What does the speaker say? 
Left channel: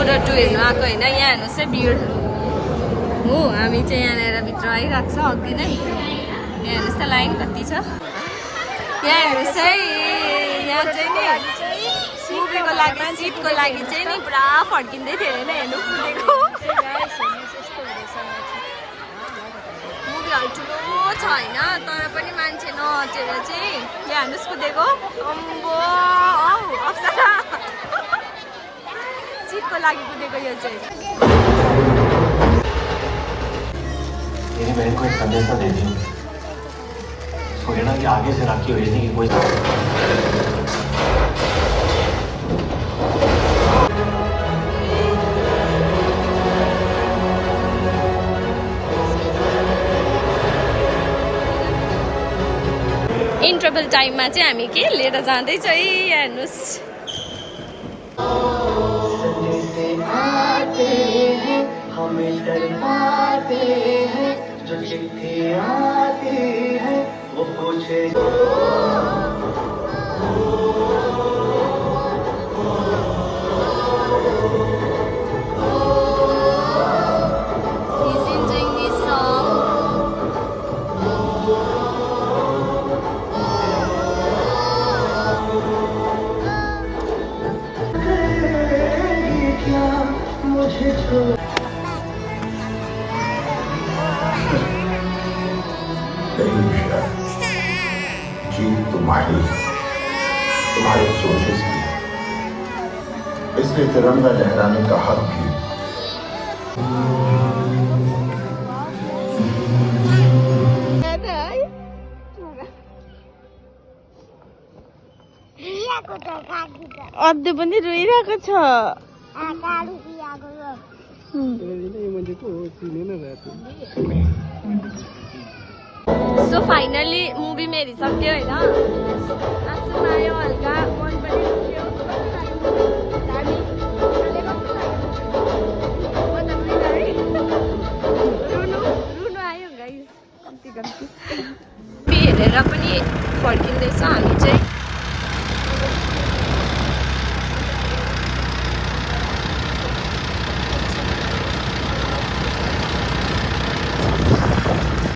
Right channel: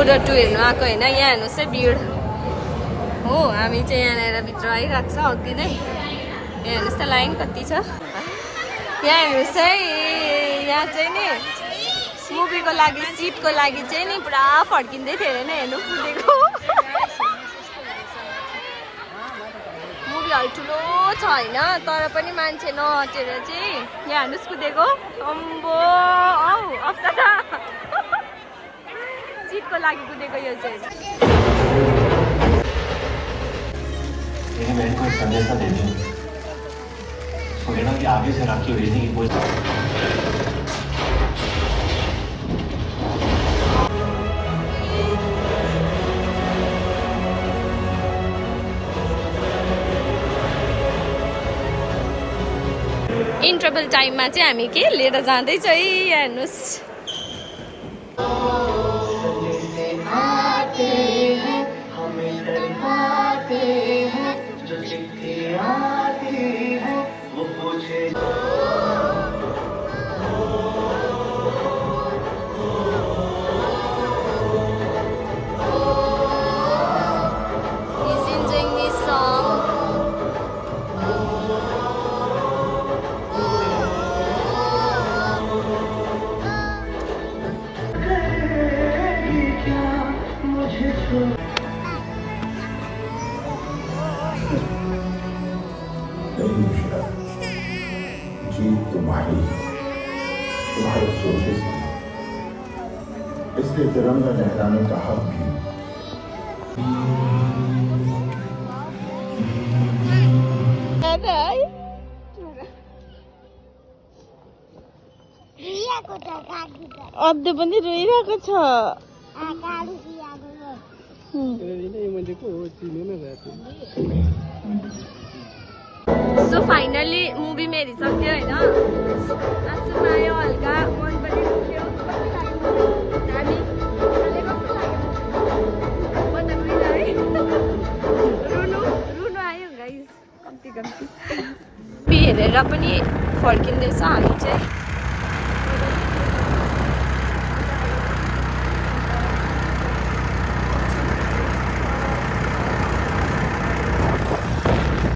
र 2 हेर्नु आएको होइन। यहाँ हेर्नुहोस् है भिड हो। हामी चाहिँ यहाँ आएर भित्र आइरहेको छ अघि नै। यहाँ हेर्नुहोस् त लाइन कति छ। यहाँ हेर्नुहोस् है, यहाँ चाहिँ नि मुभीको लागि सिटको लागि चाहिँ नि पुरा फर्किँदै थियो होइन। हेर्नु कुदेको मुभी हल ठुलो छ होइन, तर पनि मान्छे नहटेर चाहिँ यहाँ हेर्नुहोस् कुदेको। अम्बो औ अप्सरा सिटको लागि कुदेको यो चाहिँ। मेरी बहन को एक संदेशा देती हूँ, उसको कहना कि आगे से राखी भेजने की कोई इन्टरभल टाइममा चाहिँ हामी के लिएर जाँदैछ है। हेर्नुहोस् हमें डरवाते हैं, जो चिट्ठी आती है वो पूछे। जीत तुम्हारे सोचेस की, इसलिए तिरंगा लहराने का हक भी। अझै पनि रोइरहेको छ। सो फाइनली मुभी पनि हेरिसक्यो होइन। आँसु आयो हल्का, मन पनि दुख्यो। कस्तो लाग्यो मुभी? हामी कस्तो लाग्यो? म त रुइनँ है। रुनु आयो गाइस कम्ती। हेरेर पनि फर्किँदैछ हामी चाहिँ।